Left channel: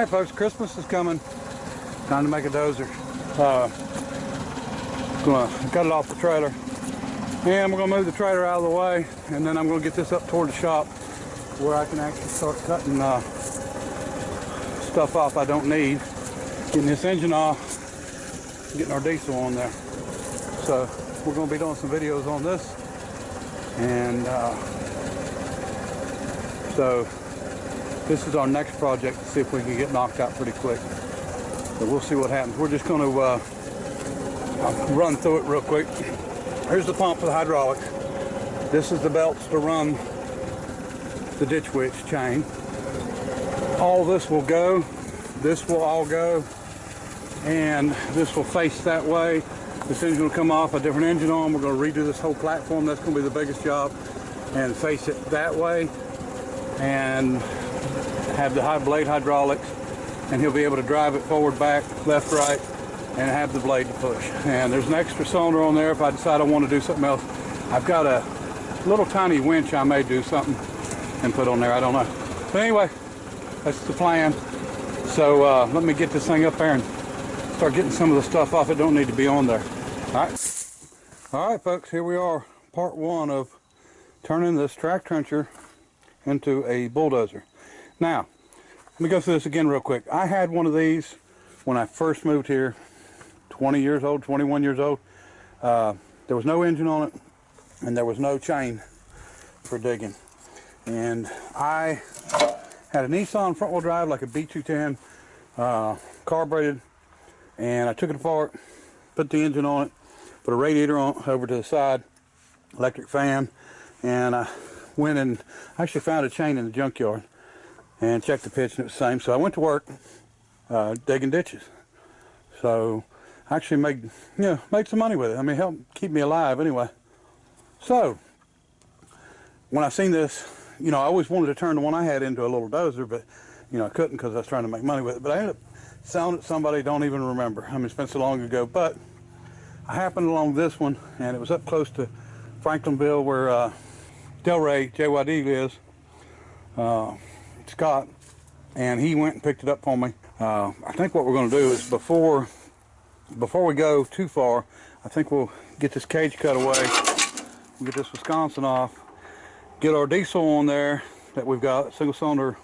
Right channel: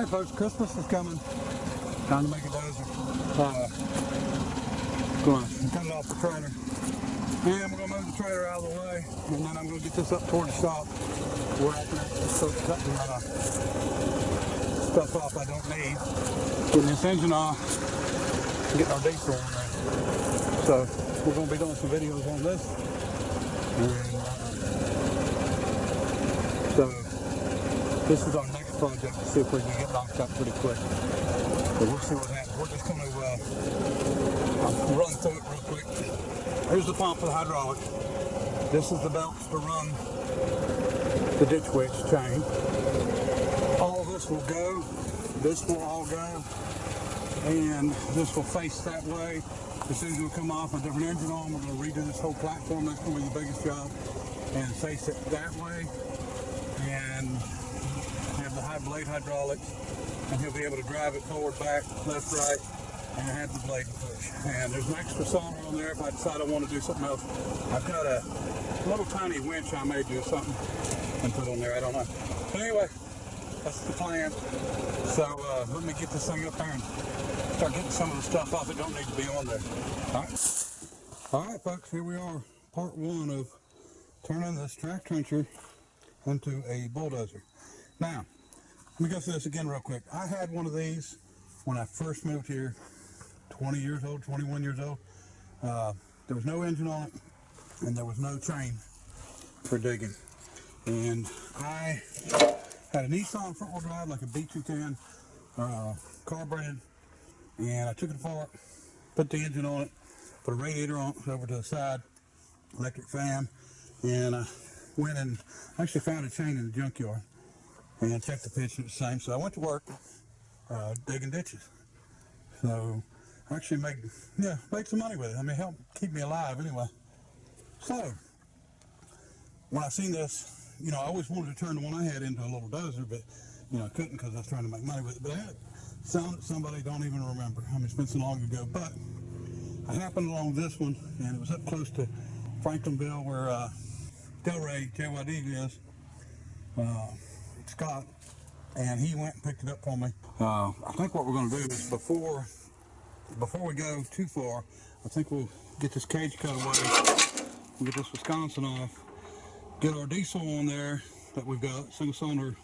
Alright folks, Christmas is coming. Time to make a dozer. Gonna cut it off the trailer. And we're gonna move the trailer out of the way, and then I'm gonna get this up toward the shop where I can actually start cutting stuff off I don't need. Getting this engine off, getting our diesel on there. So we're gonna be doing some videos on this. And so this is our next project to see if we can get knocked out pretty quick. But we'll see what happens. We're just gonna run through it real quick. Here's the pump for the hydraulic. This is the belts to run the ditch witch chain. All this will go. This will all go. And this will face that way. This engine's gonna come off, a different engine on. We're gonna redo this whole platform. That's gonna be the biggest job. And face it that way. And have the high blade hydraulics. And he'll be able to drive it forward, back, left, right, and have the blade to push. And there's an extra cylinder on there if I decide I want to do something else. I've got a little tiny winch I may do something and put on there, I don't know. But anyway, that's the plan. So let me get this thing up there and start getting some of the stuff off that don't need to be on there. All right folks, here we are, part one of turning this track trencher into a bulldozer. Now, let me go through this again real quick. I had one of these when I first moved here, 20 years old, 21 years old. There was no engine on it, and there was no chain for digging. And I had a Nissan front-wheel drive, like a B210, carbureted, and I took it apart, put the engine on it, put a radiator on over to the side, electric fan, and I went and actually found a chain in the junkyard and checked the pitch, and it was the same. So I went to work digging ditches. So I actually made some money with it. I mean, helped keep me alive anyway. So when I seen this, I always wanted to turn the one I had into a little dozer, but I couldn't because I was trying to make money with it. But I ended up selling it to somebody, don't even remember. I mean, it's been so long ago. But I happened along this one, and it was up close to Franklinville where Delray JYD is, Scott, and he went and picked it up for me. I think what we're going to do is before we go too far, I think we'll get this cage cut away. We'll get this Wisconsin off, get our diesel on there that we've got, single cylinder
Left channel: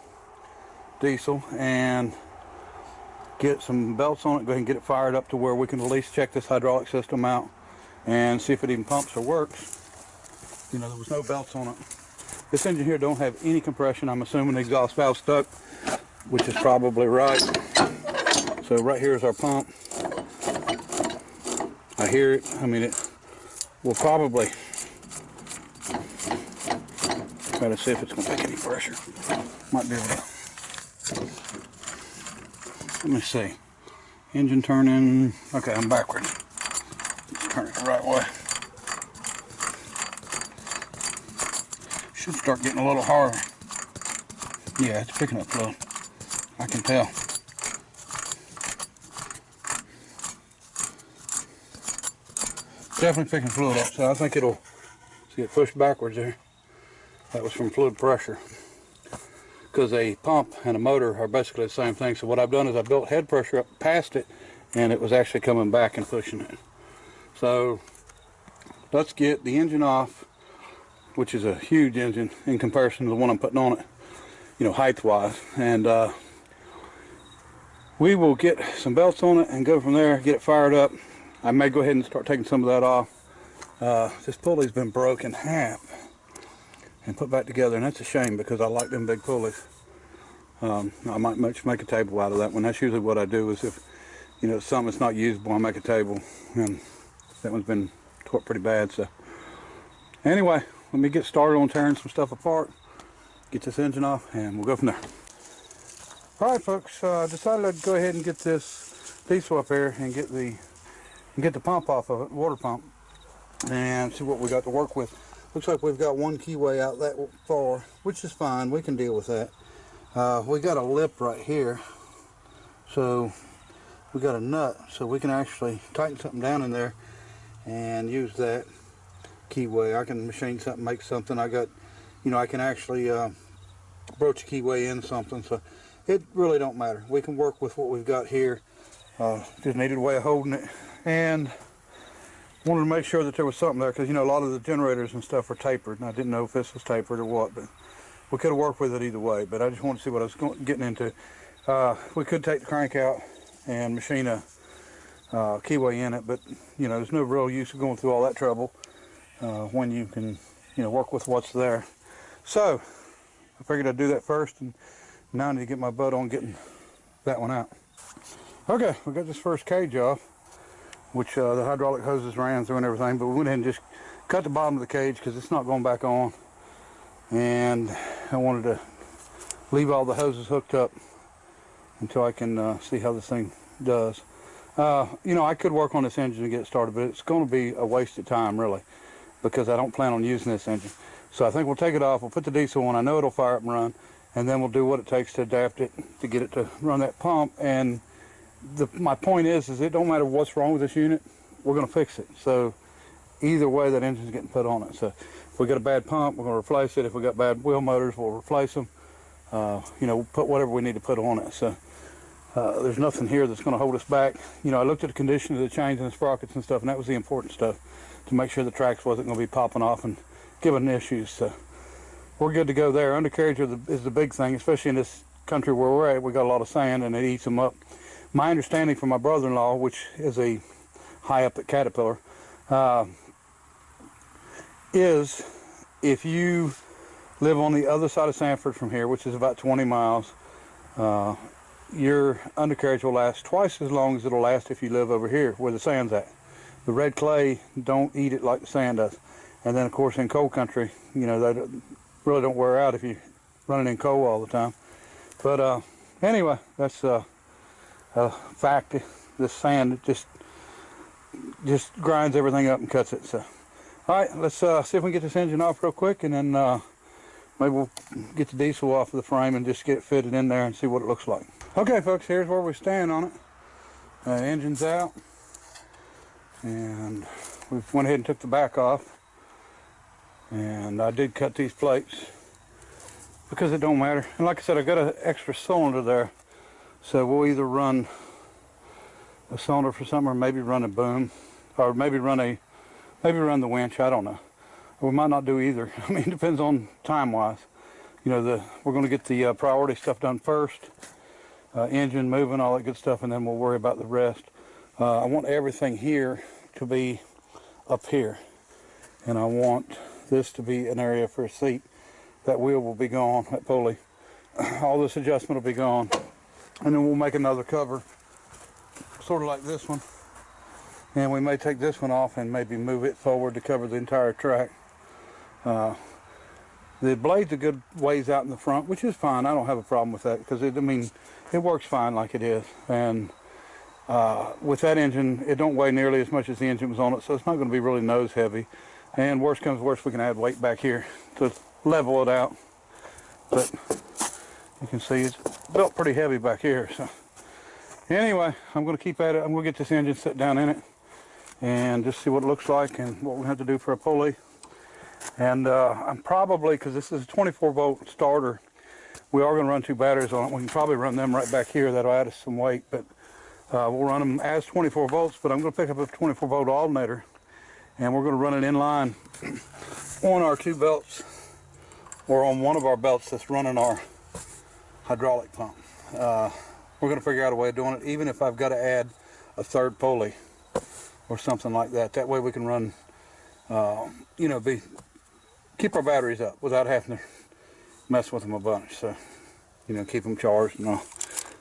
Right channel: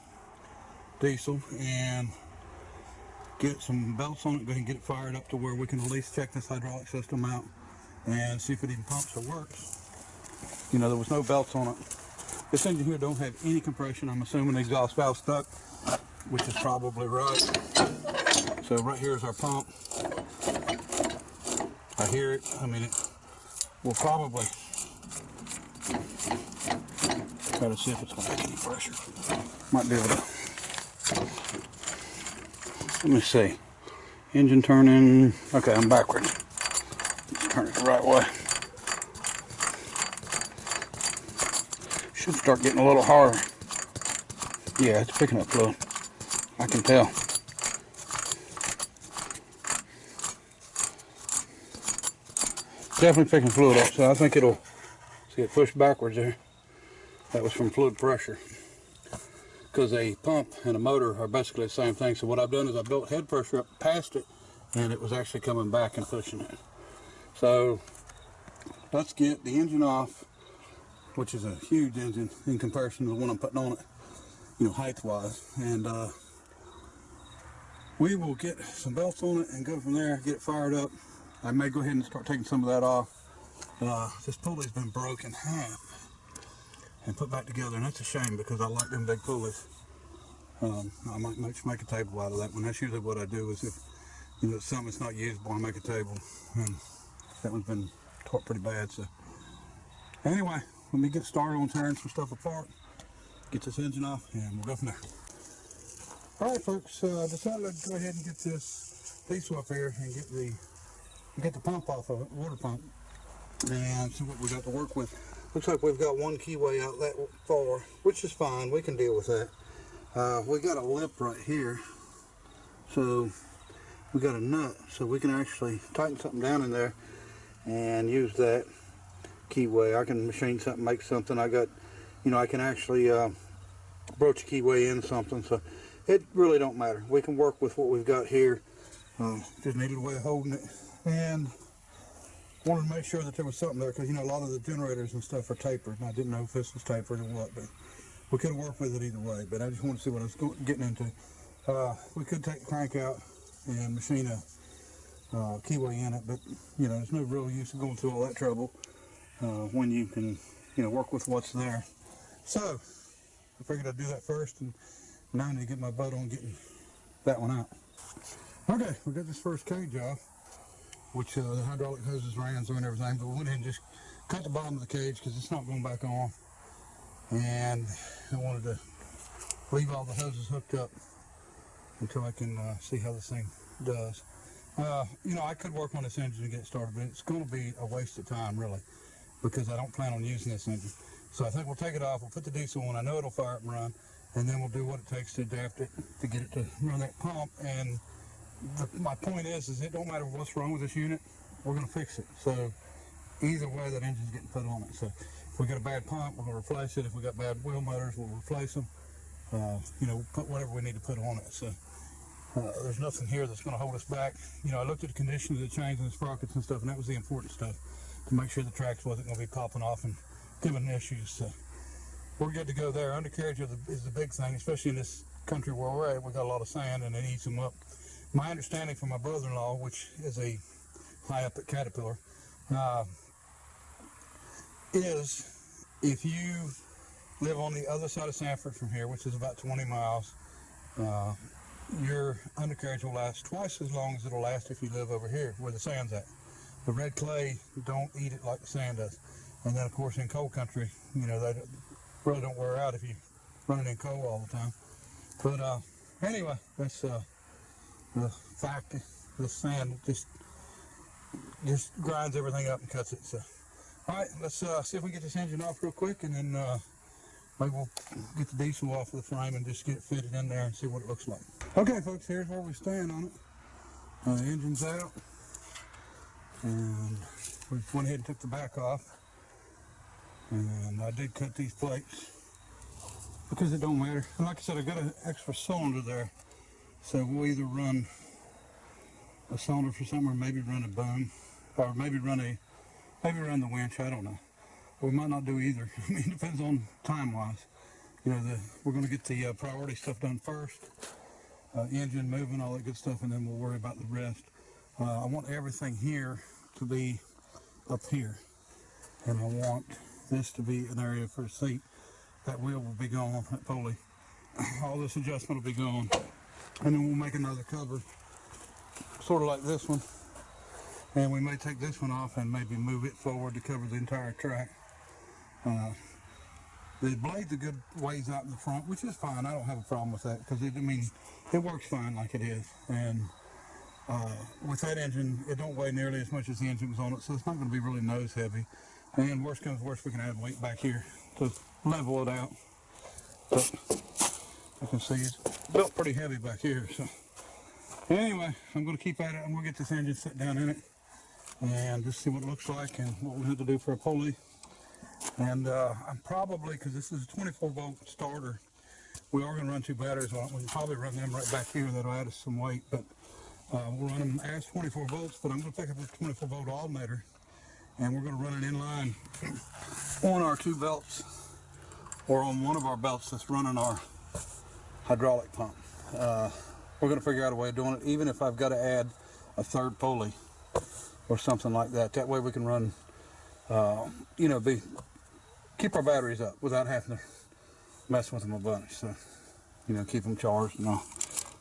diesel, and get some belts on it, go ahead and get it fired up to where we can at least check this hydraulic system out and see if it even pumps or works. There was no belts on it. This engine here don't have any compression. I'm assuming the exhaust valve stuck, which is probably right. So right here is our pump. I hear it. I mean, it will probably try to see if it's going to take any pressure. Might be able to. Let me see. Engine turning. Okay, I'm backwards. Let's turn it the right way. Should start getting a little harder. Yeah, it's picking up fluid. I can tell. Definitely picking fluid up, so I think it'll, see it pushed backwards there. That was from fluid pressure. Because a pump and a motor are basically the same thing. So what I've done is I built head pressure up past it, and it was actually coming back and pushing it. So let's get the engine off, which is a huge engine in comparison to the one I'm putting on it, height-wise. And we will get some belts on it and go from there, get it fired up. I may go ahead and start taking some of that off. This pulley's been broken in half and put back together, and that's a shame because I like them big pulleys. I might make a table out of that one. That's usually what I do, is if it's something that's not usable, I make a table. And that one's been torqued pretty bad. So anyway, let me get started on tearing some stuff apart, get this engine off, and we'll go from there. All right, folks, decided I'd go ahead and get this diesel up there and get the pump off of it, water pump, and see what we got to work with. Looks like we've got one keyway out that far, which is fine. We can deal with that. We got a lip right here, so we got a nut, so we can actually tighten something down in there and use that keyway. I can machine something, make something. I got, I can actually broach a keyway in something. So it really don't matter. We can work with what we've got here. Just needed a way of holding it, and wanted to make sure that there was something there, because you know a lot of the generators and stuff are tapered, and I didn't know if this was tapered or what, but we could have worked with it either way. But I just wanted to see what I was getting into. We could take the crank out and machine a keyway in it, but you know there's no real use of going through all that trouble when you can work with what's there. So I figured I'd do that first, and now I need to get my butt on getting that one out. Okay, we got this first cage off, which the hydraulic hoses ran through and everything, but we went ahead and just cut the bottom of the cage because it's not going back on, and I wanted to leave all the hoses hooked up until I can see how this thing does. I could work on this engine and get it started, but it's going to be a waste of time really, because I don't plan on using this engine. So I think we'll take it off, we'll put the diesel on, I know it'll fire up and run, and then we'll do what it takes to adapt it to get it to run that pump. And my point is it don't matter what's wrong with this unit, we're going to fix it. So either way, that engine's getting put on it. So if we got a bad pump, we're going to replace it. If we got bad wheel motors, we'll replace them. We'll put whatever we need to put on it. So there's nothing here that's going to hold us back. I looked at the condition of the chains and the sprockets and stuff, and that was the important stuff, to make sure the tracks wasn't going to be popping off and giving issues. So we're good to go there. Undercarriage is the big thing, especially in this country where we're at. We got a lot of sand and it eats them up. My understanding from my brother-in-law, which is a high up at Caterpillar, is if you live on the other side of Sanford from here, which is about 20 miles, your undercarriage will last twice as long as it'll last if you live over here where the sand's at. The red clay don't eat it like the sand does. And then of course in cold country, they really don't wear out if you're running in cold all the time. But anyway, that's fact. This sand just grinds everything up and cuts it. So all right, let's see if we can get this engine off real quick, and then maybe we'll get the diesel off of the frame and just get it fitted in there and see what it looks like. Okay folks, here's where we stand on it. Engine's out, and we went ahead and took the back off, and I did cut these plates because it don't matter. And like I said, I got an extra cylinder there, so we'll either run a cylinder for something, or maybe run a boom, or maybe run the winch. I don't know. We might not do either. I mean, it depends on time wise. We're going to get the priority stuff done first, engine moving, all that good stuff, and then we'll worry about the rest. I want everything here to be up here, and I want this to be an area for a seat. That wheel will be gone, that pulley. All this adjustment will be gone, and then we'll make another cover, sort of like this one, and we may take this one off and maybe move it forward to cover the entire track. The blade's a good ways out in the front, which is fine. I don't have a problem with that, because it works fine like it is. And with that engine, it don't weigh nearly as much as the engine was on it, so it's not going to be really nose heavy. And worst comes worst, we can add weight back here to level it out. But you can see it's built pretty heavy back here. So anyway, I'm going to keep at it. I'm going to get this engine set down in it and just see what it looks like and what we have to do for a pulley. And I'm probably, because this is a 24-volt starter, we are going to run 2 batteries on it. We can probably run them right back here. That'll add us some weight, but we'll run them as 24 volts. But I'm going to pick up a 24-volt alternator, and we're going to run it in line on our 2 belts, or on one of our belts that's running our hydraulic pump. We're going to figure out a way of doing it, even if I've got to add a 3rd pulley or something like that. That way we can run, keep our batteries up without having to mess with them a bunch. So, keep them charged and all.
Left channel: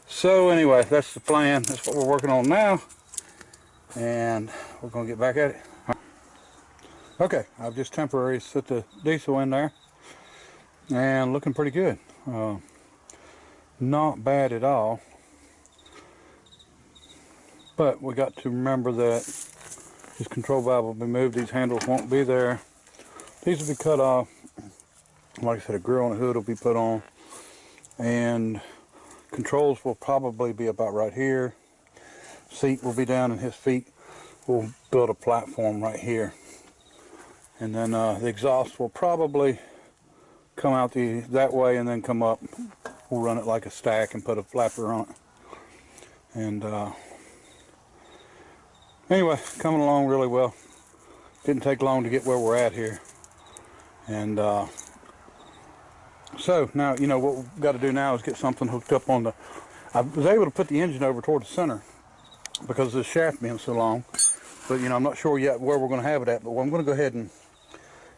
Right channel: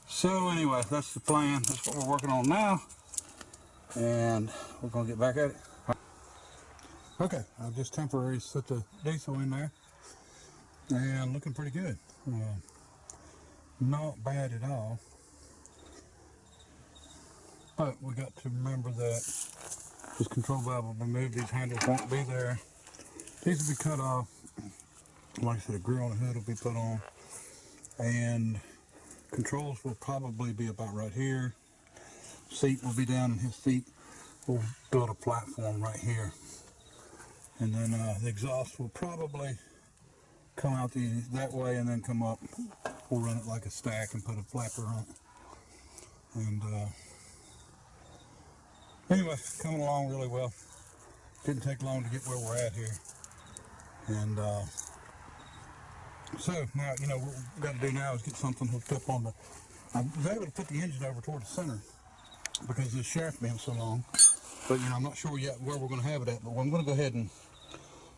So anyway, that's the plan. That's what we're working on now, and we're going to get back at it. Okay, I've just temporarily set the diesel in there, and looking pretty good. Not bad at all. But we got to remember that this control valve will be moved. These handles won't be there. These will be cut off. Like I said, a grill and a hood will be put on, and controls will probably be about right here. Seat will be down, and his feet will build a platform right here. And then the exhaust will probably come out that way and then come up we'll run it like a stack and put a flapper on it. And anyway, coming along really well. Didn't take long to get where we're at here. And so now, you know, what we've got to do now is get something hooked up on the, I was able to put the engine over toward the center because of the shaft being so long. But, you know, I'm not sure yet where we're going to have it at. But I'm going to go ahead and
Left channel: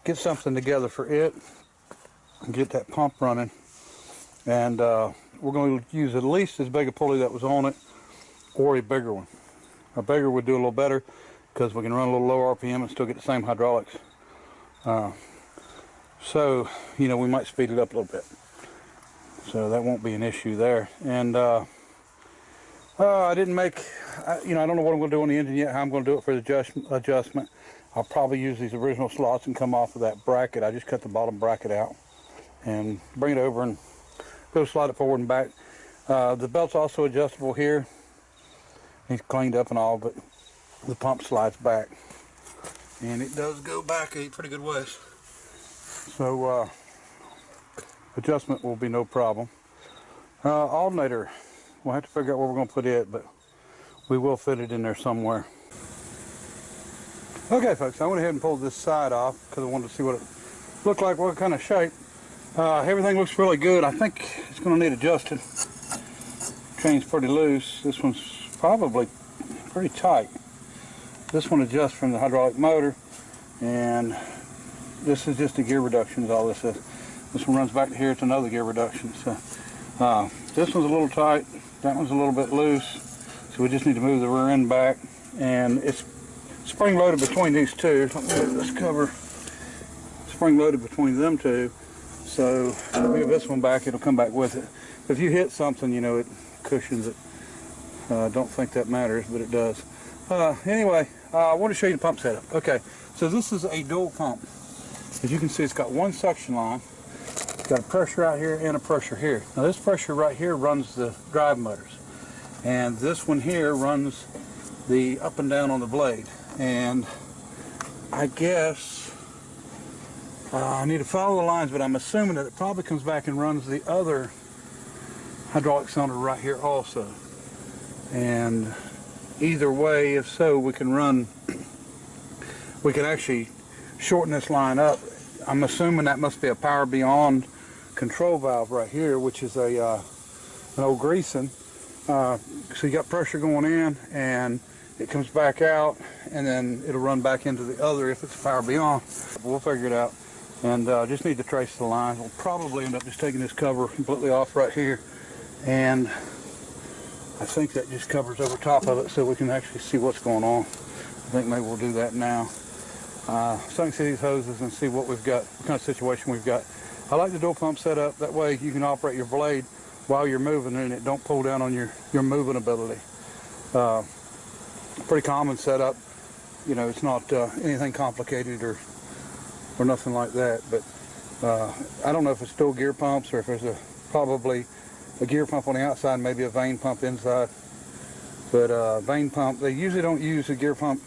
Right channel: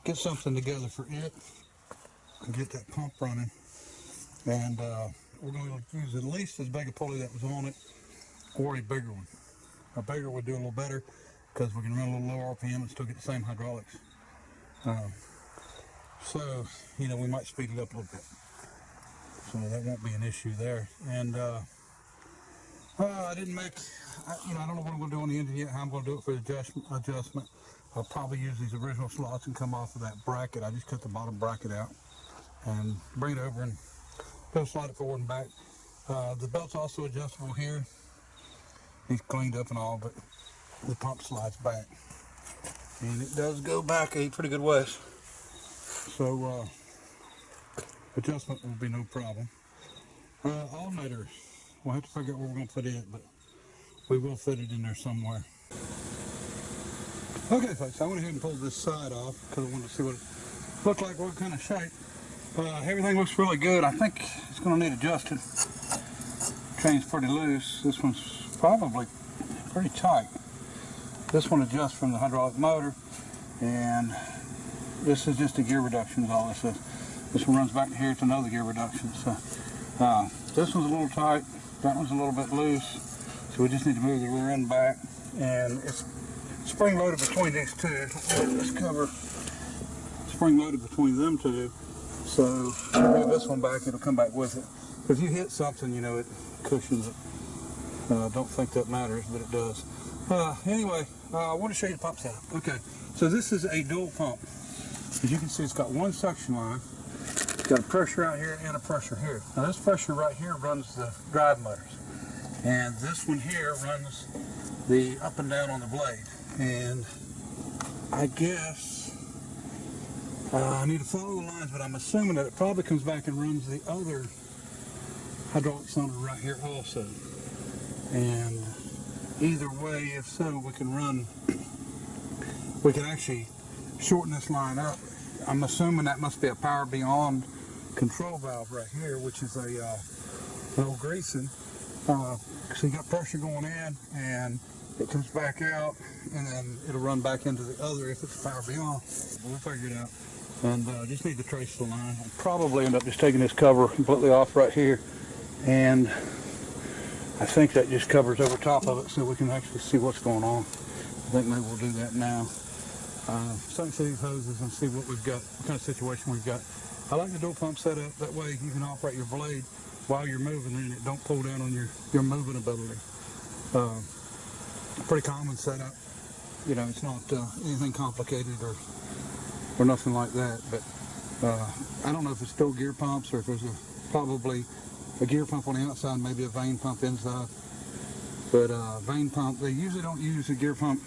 get something together for it and get that pump running. And we're going to use at least as big a pulley that was on it, or a bigger one. A bigger would do a little better because we can run a little lower RPM and still get the same hydraulics. So, you know, we might speed it up a little bit. So that won't be an issue there. And I didn't make, you know, I don't know what I'm going to do on the engine yet, how I'm going to do it for the adjustment. I'll probably use these original slots and come off of that bracket. I just cut the bottom bracket out and bring it over and go slide it forward and back. The belt's also adjustable here. He's cleaned up and all, but the pump slides back. And it does go back a pretty good ways. So adjustment will be no problem. Alternator, we'll have to figure out where we're going to put it, but we will fit it in there somewhere. Okay folks, I went ahead and pulled this side off because I wanted to see what it looked like, what kind of shape. Everything looks really good. I think it's going to need adjusted. Chain's pretty loose. This one's probably pretty tight. This one adjusts from the hydraulic motor, and this is just a gear reduction is all this is. This one runs back to here, it's another gear reduction. So this one's a little tight, that one's a little bit loose, so we just need to move the rear end back, and it's spring loaded between these two. Let me move this cover. Spring loaded between them two, so if you move this one back, it'll come back with it. If you hit something, you know, it cushions it. Don't think that matters, but it does. Anyway, I want to show you the pump setup. Okay, so this is a dual pump. As you can see, it's got one suction line. It's got a pressure out here and a pressure here. Now this pressure right here runs the drive motors. And this one here runs the up and down on the blade. And I guess I need to follow the lines, but I'm assuming that it probably comes back and runs the other hydraulic cylinder right here also. And either way, if so, we can actually shorten this line up. I'm assuming that must be a power beyond control valve right here, which is a an old greasing. So you got pressure going in, and it comes back out, and then it'll run back into the other if it's power beyond. We'll figure it out, and just need to trace the lines. We'll probably end up just taking this cover completely off right here, and I think that just covers over top of it so we can actually see what's going on. I think maybe we'll do that now. So I can see these hoses and see what we've got, what kind of situation we've got. I like the dual pump setup. That way you can operate your blade while you're moving and it don't pull down on your moving ability. Pretty common setup. You know, it's not anything complicated or nothing like that. But I don't know if it's still gear pumps or if there's probably a gear pump on the outside, maybe a vane pump inside. But vane pump, they usually don't use a gear pump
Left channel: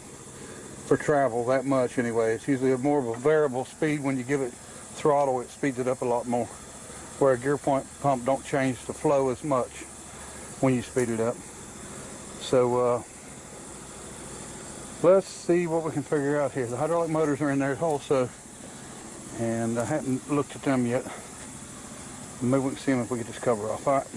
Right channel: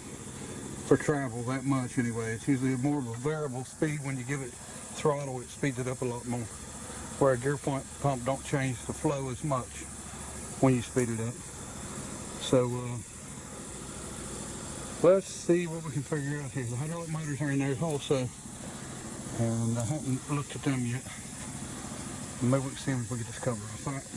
for travel that much anyway. It's usually more of a variable speed. When you give it throttle, it speeds it up a lot more. Where a gear pump don't change the flow as much when you speed it up. So let's see what we can figure out here. The hydraulic motors are in there also, and I haven't looked at them yet. Maybe we can see them if we get this cover off. All right.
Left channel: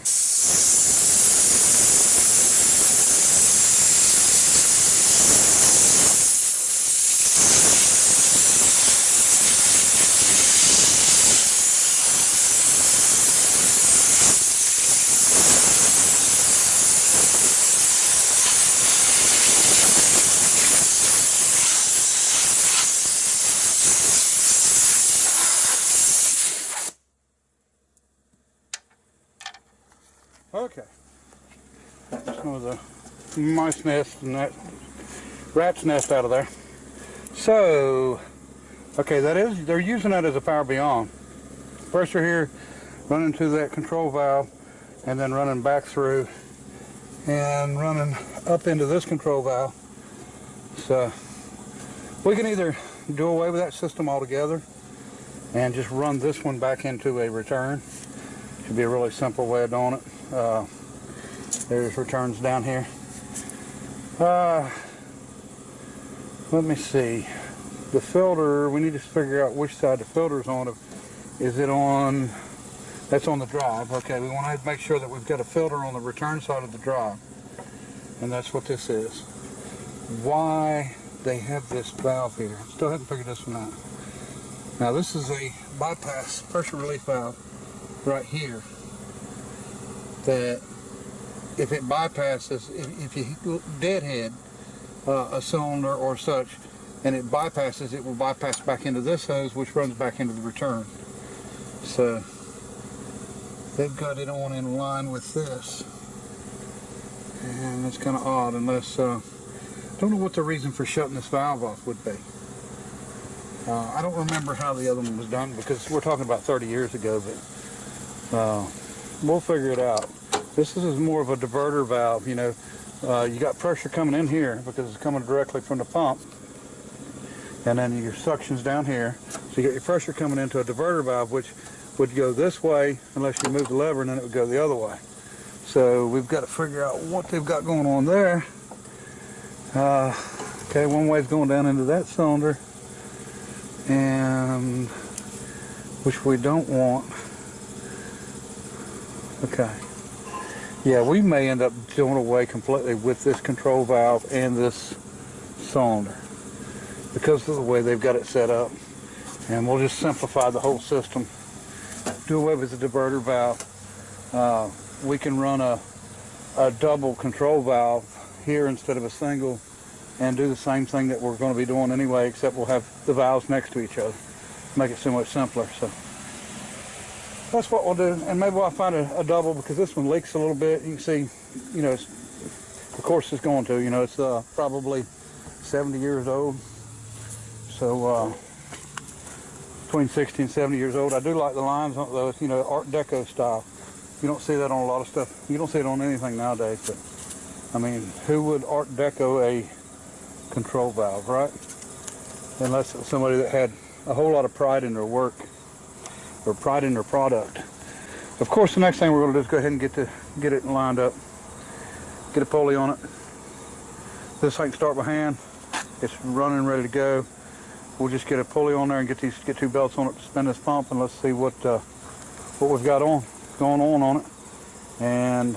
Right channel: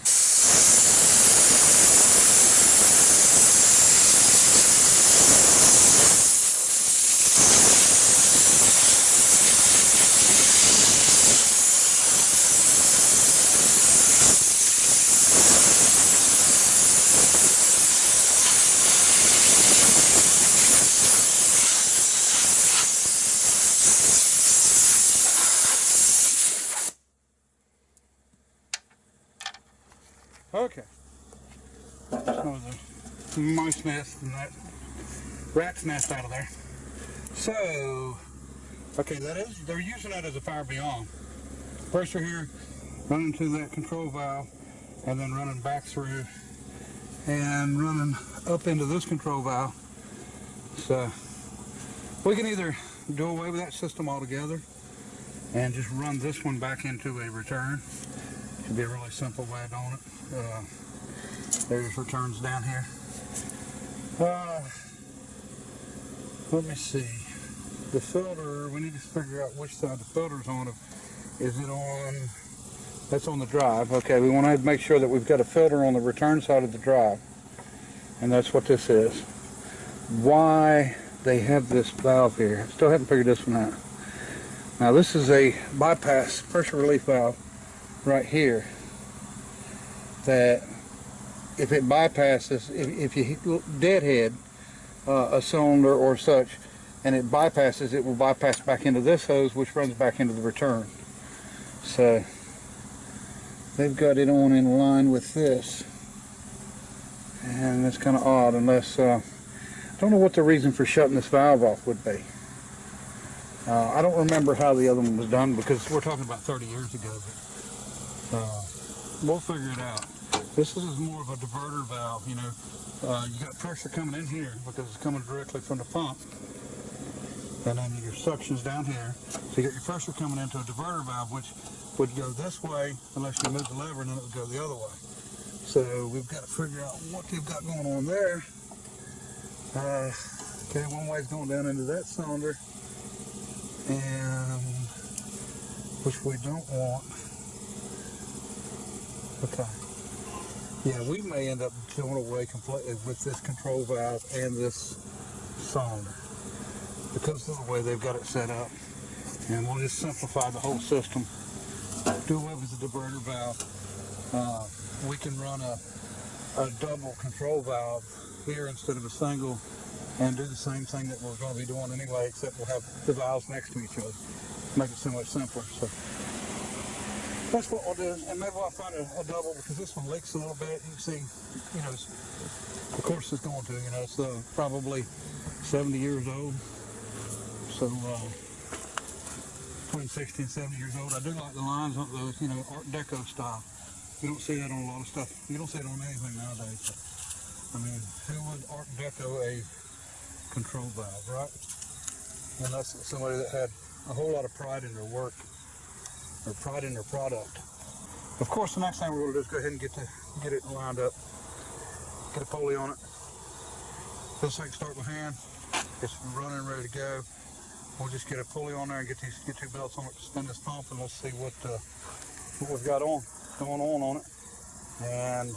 Okay, just know the mice nest and that rat's nest out of there. So, okay, they're using that as a power beyond. Pressure here, running to that control valve, and then running back through and running up into this control valve. So, we can either do away with that system altogether and just run this one back into a return. Should be a really simple way of doing it. There's returns down here. Let me see. The filter, we need to figure out which side the filter's on. Is it on, that's on the drive. Okay, we want to make sure that we've got a filter on the return side of the drive. And that's what this is. Why they have this valve here. Still haven't figured this one out. Now this is a bypass pressure relief valve right here that if it bypasses, if you deadhead a cylinder or such and it bypasses, it will bypass back into this hose, which runs back into the return. So they've got it on in line with this, and it's kind of odd unless I don't know what the reason for shutting this valve off would be. I don't remember how the other one was done because we're talking about 30 years ago, but we'll figure it out. This is more of a diverter valve, you know. You got pressure coming in here because it's coming directly from the pump, and then your suction's down here. So you got your pressure coming into a diverter valve, which would go this way unless you move the lever, and then it would go the other way. So we've got to figure out what they've got going on there. Okay, one way's going down into that cylinder, and which we don't want. Okay. Yeah, we may end up doing away completely with this control valve and this cylinder because of the way they've got it set up. And we'll just simplify the whole system. Do away with the diverter valve. We can run a double control valve here instead of a single and do the same thing that we're going to be doing anyway, except we'll have the valves next to each other. Make it so much simpler. So that's what we'll do, and maybe I'll find a double because this one leaks a little bit. You can see, you know, of course it's going to, you know, it's probably 70 years old. So between 60 and 70 years old. I do like the lines on those, you know, Art Deco style. You don't see that on a lot of stuff. You don't see it on anything nowadays, but I mean, who would Art Deco a control valve, right? Unless it was somebody that had a whole lot of pride in their work or pride in their product. Of course, the next thing we're going to do is go ahead and get it lined up. Get a pulley on it. This I can start by hand. It's running, ready to go. We'll just get a pulley on there and get two belts on it to spin this pump, and let's see what we've got going on it. And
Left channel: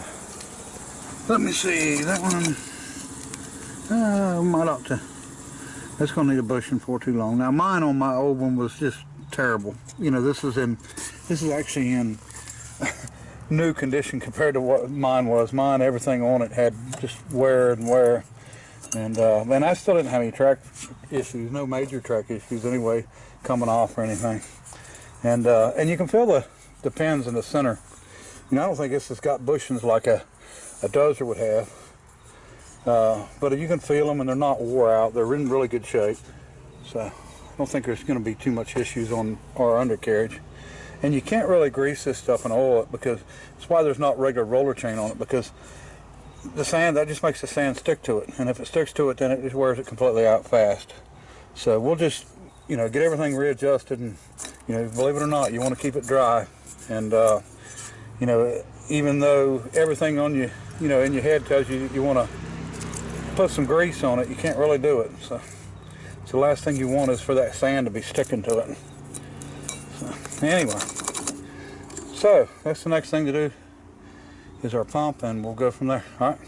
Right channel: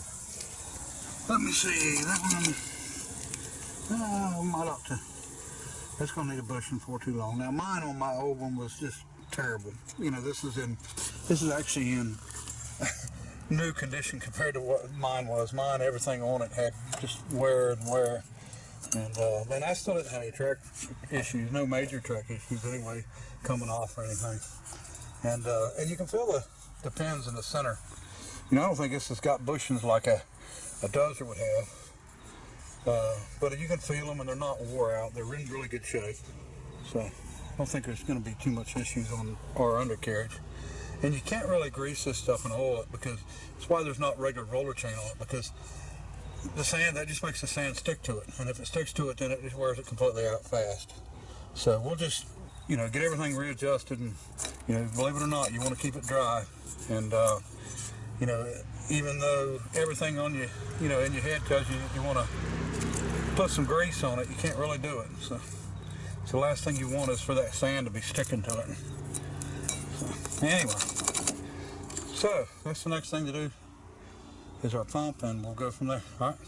let me see, that one might ought to. That's going to need a bushing for too long. Now mine on my old one was just terrible. You know, this is actually in new condition compared to what mine was. Mine, everything on it had just wear and wear. And I still didn't have any track issues, no major track issues anyway, coming off or anything. And you can feel the pins in the center. You know, I don't think this has got bushings like a Dozer would have. But you can feel them, and they're not wore out. They're in really good shape. So I don't think there's going to be too much issues on our undercarriage. And you can't really grease this stuff and oil it, because it's why there's not regular roller chain on it, because the sand, that just makes the sand stick to it. And if it sticks to it, then it just wears it completely out fast. So we'll just, you know, get everything readjusted, and, you know, believe it or not, you want to keep it dry. And, you know, even though everything on you, you know, in your head tells you you want to put some grease on it, you can't really do it. So the last thing you want is for that sand to be sticking to it. So anyway, so that's the next thing to do is our pump, and we'll go from there. All right.